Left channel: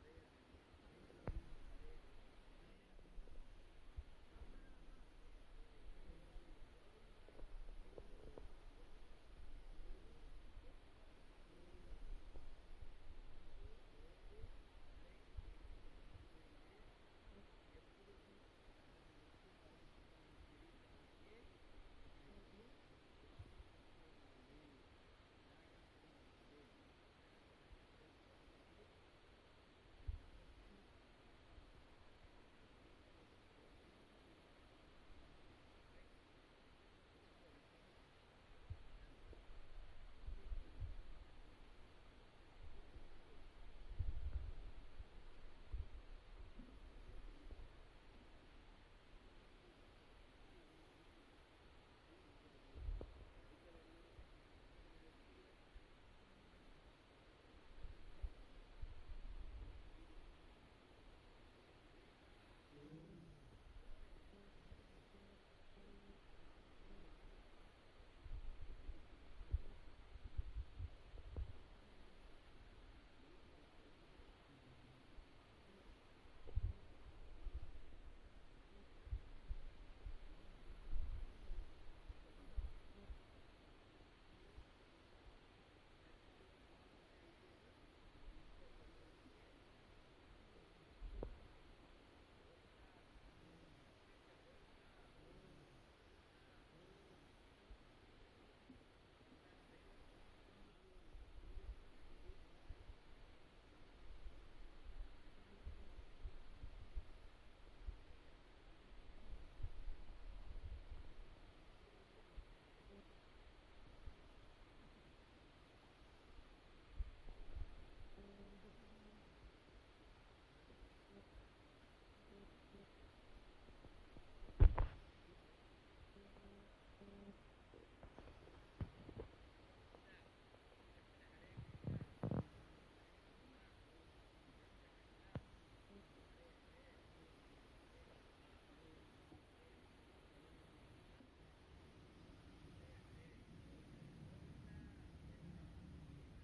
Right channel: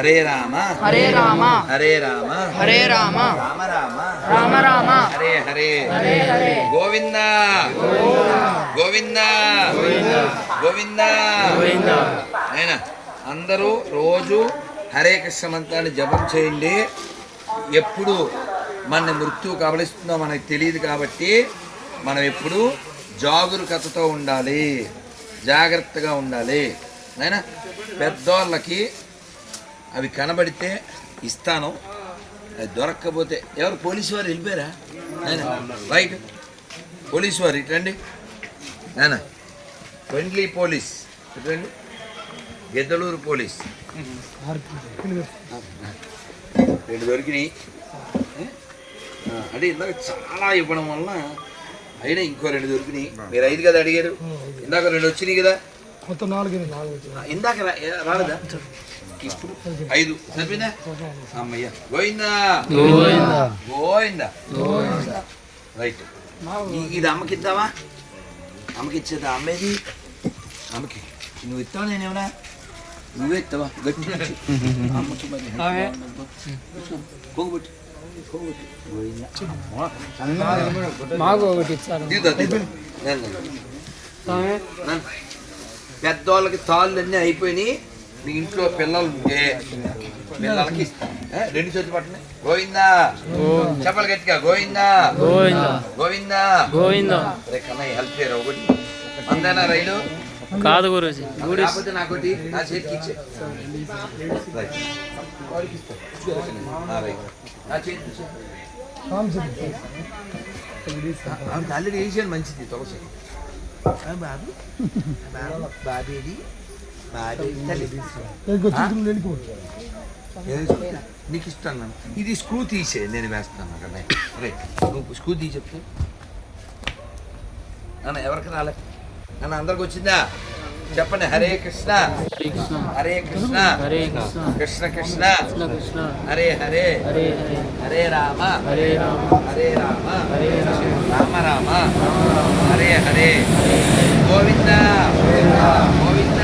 హరే రామ. హరే రామ. హరే రామ. హరే రామ. రామ రామ. రామ రామ. హరే హరే. గోవింద. గోవింద. గోవింద. అయినా అందరూ రోజు హరే కృష్ణ మంత్రాన్ని జపం చేయండి. ఎప్పుడు మన మృత్యు కబలిస్తుందో మనకు తెలియదు కాబట్టి మనం ఎప్పుడు జాగరూకతతో ఉండాలి. జాగ్రత్తగా ఉండాలి. అయినా పెద్దోళ్ళకి అవి కనబడితే ఇస్తాను. అది దొరక్కపోతే ఎవరు పోలీసు వారు వెళ్ళిపోయారా? రైట్. పోలీసు వారు ఇటండి. నాయన ఫ్రెండ్లీ పోలీస్ ఇటండి. గెద్దలూరు పోలీస్. రెండు దొరికినాయి. అంటే ఇందాక చాలా ఇవ్వడం వలన అయినా ఇంకో రెండు దొరికినాయి. మీరు ఐదు కదా అడిగారు? ఇందాక రెండు వచ్చినాయి కదా? మొత్తం నాలుగు ఇందాక రాలేదా? ఇప్పుడు ఐదు. సరిపోయిందా? అమ్మయ్య. గోవిందా? గోవిందా. రైట్. ఇది అమ్మకి ఇద్దామా? అమ్మకి ఇచ్చేదా? అమ్మేది? అమ్మకి. నువ్వు ఇస్తావా? నేనేమన్నా నువ్వే ఇస్తావా? గట్టి. అమ్మకి మరి పోగొట్టు. మాకు ఒకటి ఇచ్చారు. పెద్దోళ్ళకి తాళ్ళు అన్నీ అయిపోయినాయి. మీ ఇంట్లో పిల్లలు ఉంటే పిల్లలకి ఇస్తాను? రెండు చేతులు పట్టండి గోవిందా. చెప్పలు గట్టిగా గోవిందా. గోవింద. గోవిందా. రే కన్నయ్య హెల్ప్ చేయరా ఒకటి. అందేనా రైలు? కాదు గురూజీ. కాకపోతే నాకోటి నా చేతికి ఇచ్చే. నా చేతికి ఆల్రెడీ వేసాను మంచిది తులసి బాబు. బాబు. బాబేది? నీకు ఇస్తాను నాన్న. ఇది స్క్రూ తీసే నేను వేస్తాను అక్కడ. రే నువ్వు స్క్రూ తీసి చెప్తే నాన్న ఎవరికి రాలే? నాన్న అందరికి వచ్చిందా? చెప్పండి హరే కృష్ణ. హరే కృష్ణ. హరే కృష్ణ హరే కృష్ణ. హరే హరే. హరే రామ. హరే రామ. హరే రామ. రామ రామ. హరే హరే. గోవింద గోవింద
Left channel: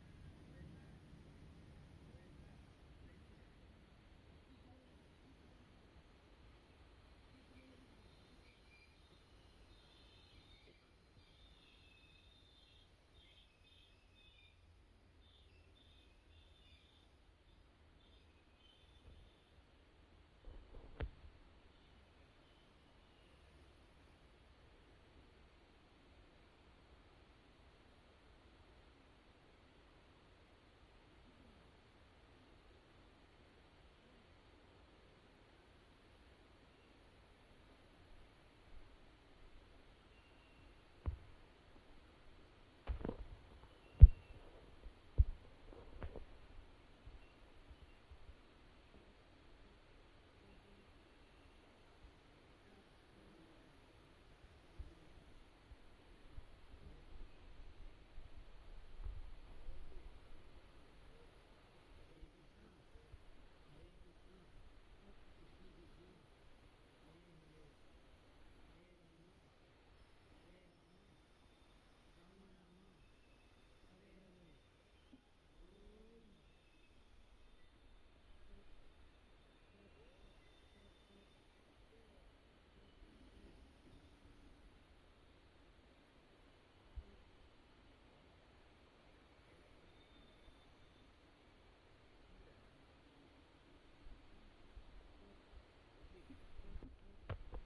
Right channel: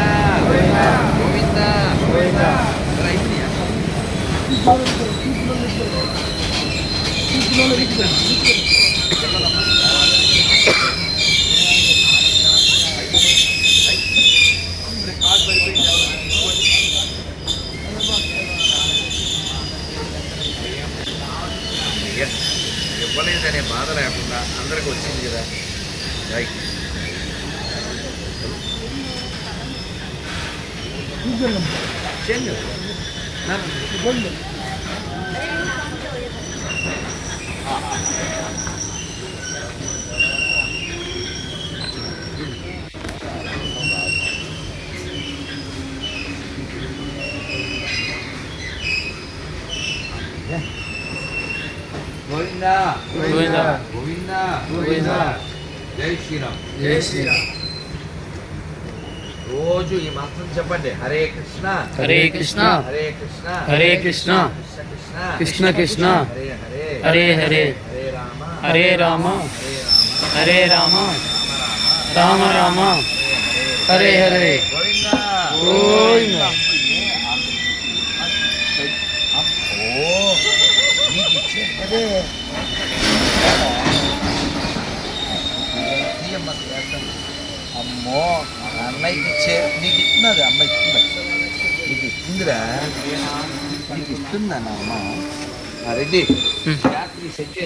రైతునియా? ఎస్. ఇవ్వలేదనే బాధ లేకుండా అందరికి వచ్చింది కదా రైట్ చెండు గోవిందా గోవింద గోవిందా గోవింద జై శ్రీరామ్ జై శ్రీరామ్ రోజు ఈ మంత్రం చెప్పండి హరే కృష్ణ హరే కృష్ణ హరే కృష్ణ హరే కృష్ణ కృష్ణ కృష్ణ కృష్ణ హరే హరే హరే హరే హరే రామ హరే రామ హరే రామ హరే రామ రామ రామ హరే హరే గోవిందా గోవింద ఓ నీకు ఇచ్చేది తీయమ్మ, చేద్దాం. అమ్మో అన్నయ్యకి ఇచ్చే నీకు ఇస్తున్నది అమ్మ ఇస్తున్నది నీకు ఇస్తుందిరా. నీకు ఇస్తుందా నా అమ్మ రెడ్డి రాత్రి సెట్